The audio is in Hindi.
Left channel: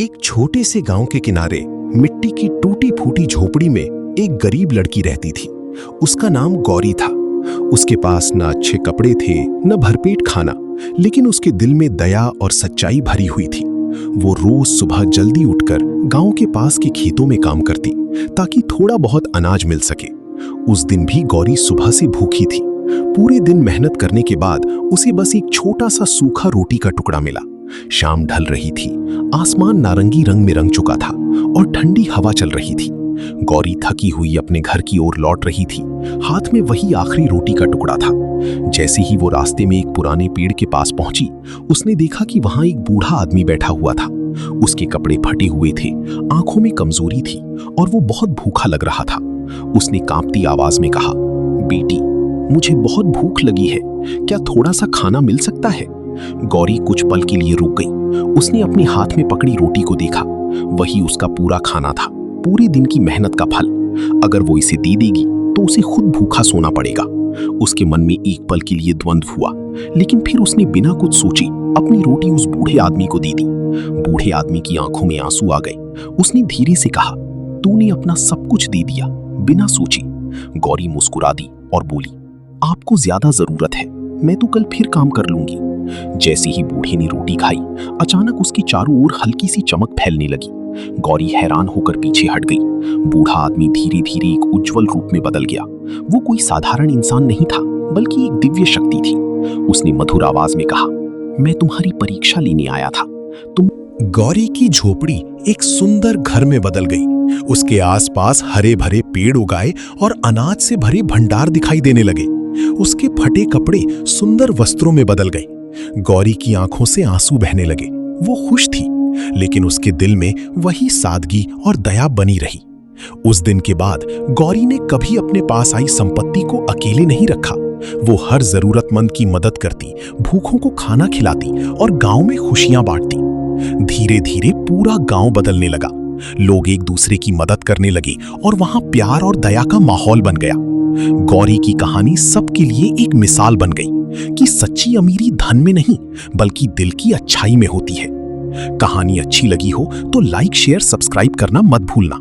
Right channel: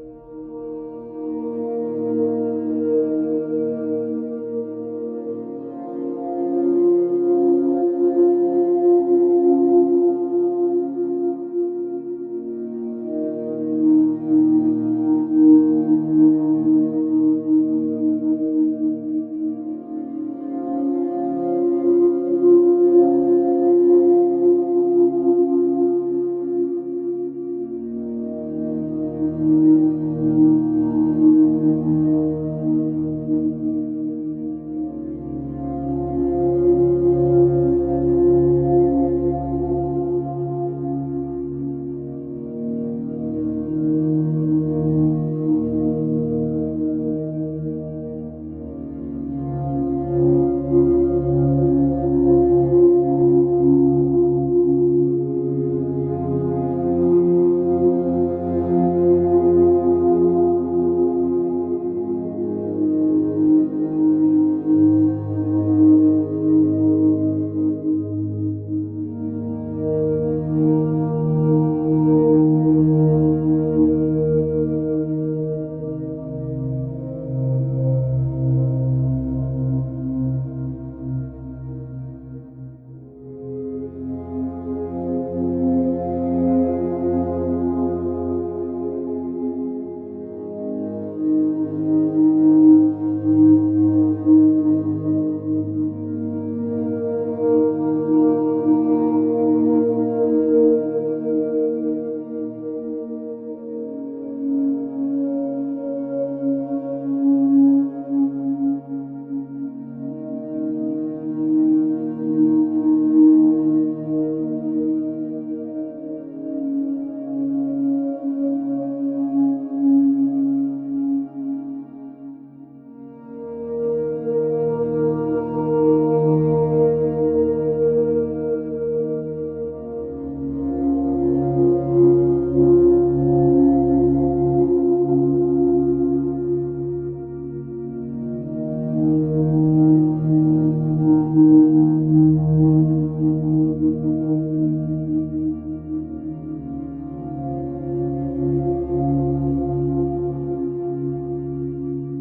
एक छोटे से गांव के किनारे मिट्टी की टूटी फूटी झोपड़ी में एक गरीब लड़की रहती थी। उसका नाम गौरी था। उसके पास न अच्छे कपड़े थे न भरपेट खाना, लेकिन उसके दिल में दया और सच्चाई भरी हुई थी। वो रोज सुबह जल्दी उठकर गांव के पास के खेतों में काम करती ताकि थोड़ा बहुत अनाज मिल सके। उस दिन भी गौरी सुबह से भूखी थी। पूरे दिन मेहनत करने के बाद उसे बस एक छोटा सा सूखा रोटी का टुकड़ा मिला। शाम ढल रही थी, आसमान नारंगी रंग में रंग चुका था और ठंडी हवा चल रही थी। गौरी थकी हुई अपने घर की ओर लौट रही थी। हाथ में वही आखिरी रोटी का टुकड़ा था। जैसे ही वो रास्ते में एक पुराने पेड़ के पास पहुंची, उसने देखा कि वहां एक बूढ़ा आदमी बैठा हुआ था। उसके कपड़े फटे हुए थे, आंखों में कमजोरी थी और वो बहुत भूखा लग रहा था। उसने कांपती आवाज में कहा, बेटी, मुझे बहुत भूख लगी है, क्या थोड़ा सा खाना मिल सकता है? गौरी कुछ पल के लिए रुक गई। उसने अपने हाथ में पकड़ी रोटी को देखा। वही उसका पूरा खाना था, पूरे दिन की मेहनत का फल। अगर वो इसे दे देगी तो उसे खुद भूखा सोना पड़ेगा। उसके मन में एक पल के लिए द्वंद्व हुआ, लेकिन फिर उसने बिना कुछ सोचे अपनी रोटी उस बूढ़े आदमी को दे दी। बूढ़े आदमी की आंखों में आंसू आ गए। उसने धीरे से कहा, तूने अपना सब कुछ दे दिया बिना सोचे। गौरी मुस्कुरा दी और बोली, आपको ज्यादा जरूरत है, मैं तो कल फिर काम कर लूंगी। जैसे ही बूढ़े ने रोटी खाई, अचानक उसके चारों ओर हल्की सी चमक फैलने लगी। गौरी हैरान होकर पीछे हट गई। बूढ़ा आदमी धीरे धीरे एक उज्जवल रूप में बदल गया। वो कोई साधारण इंसान नहीं था, बल्कि एक दिव्य शक्ति थी। उसने मधुर आवाज में कहा, मैं तुम्हारी परीक्षा लेने आया था। गौरी की झोपड़ी एक सुंदर घर में बदल गई। उसके आसपास हरे भरे पेड़ उगाए और अनाज से भरे भंडार दिखाई देने लगे। उसके फटे कपड़े सुंदर वस्त्रों में बदल गए। गौरी की आंखों से आंसू बहने लगे। वो खुश थी, लेकिन उसके दिल में वही सादगी और दया बनी रही। उस दिन के बाद गौरी ने कभी अपने पास आई संपत्ति को अकेले नहीं रखा। वो हर जरूरतमंद की मदद करती, भूखों को खाना खिलाती और गांव में खुशियां बांटती। धीरे धीरे पूरा गांव बदलने लगा। लोग एक दूसरे की मदद करने लगे और वहां प्यार और दया का माहौल बन गया। गौरी की कहानी सबके लिए एक मिसाल बन गई कि सच्ची अमीरी धन में नहीं, बल्कि दिल की अच्छाई में होती है। कहानी अच्छी लगी हो तो लाइक, शेयर, सब्सक्राइब करना मत भूलना।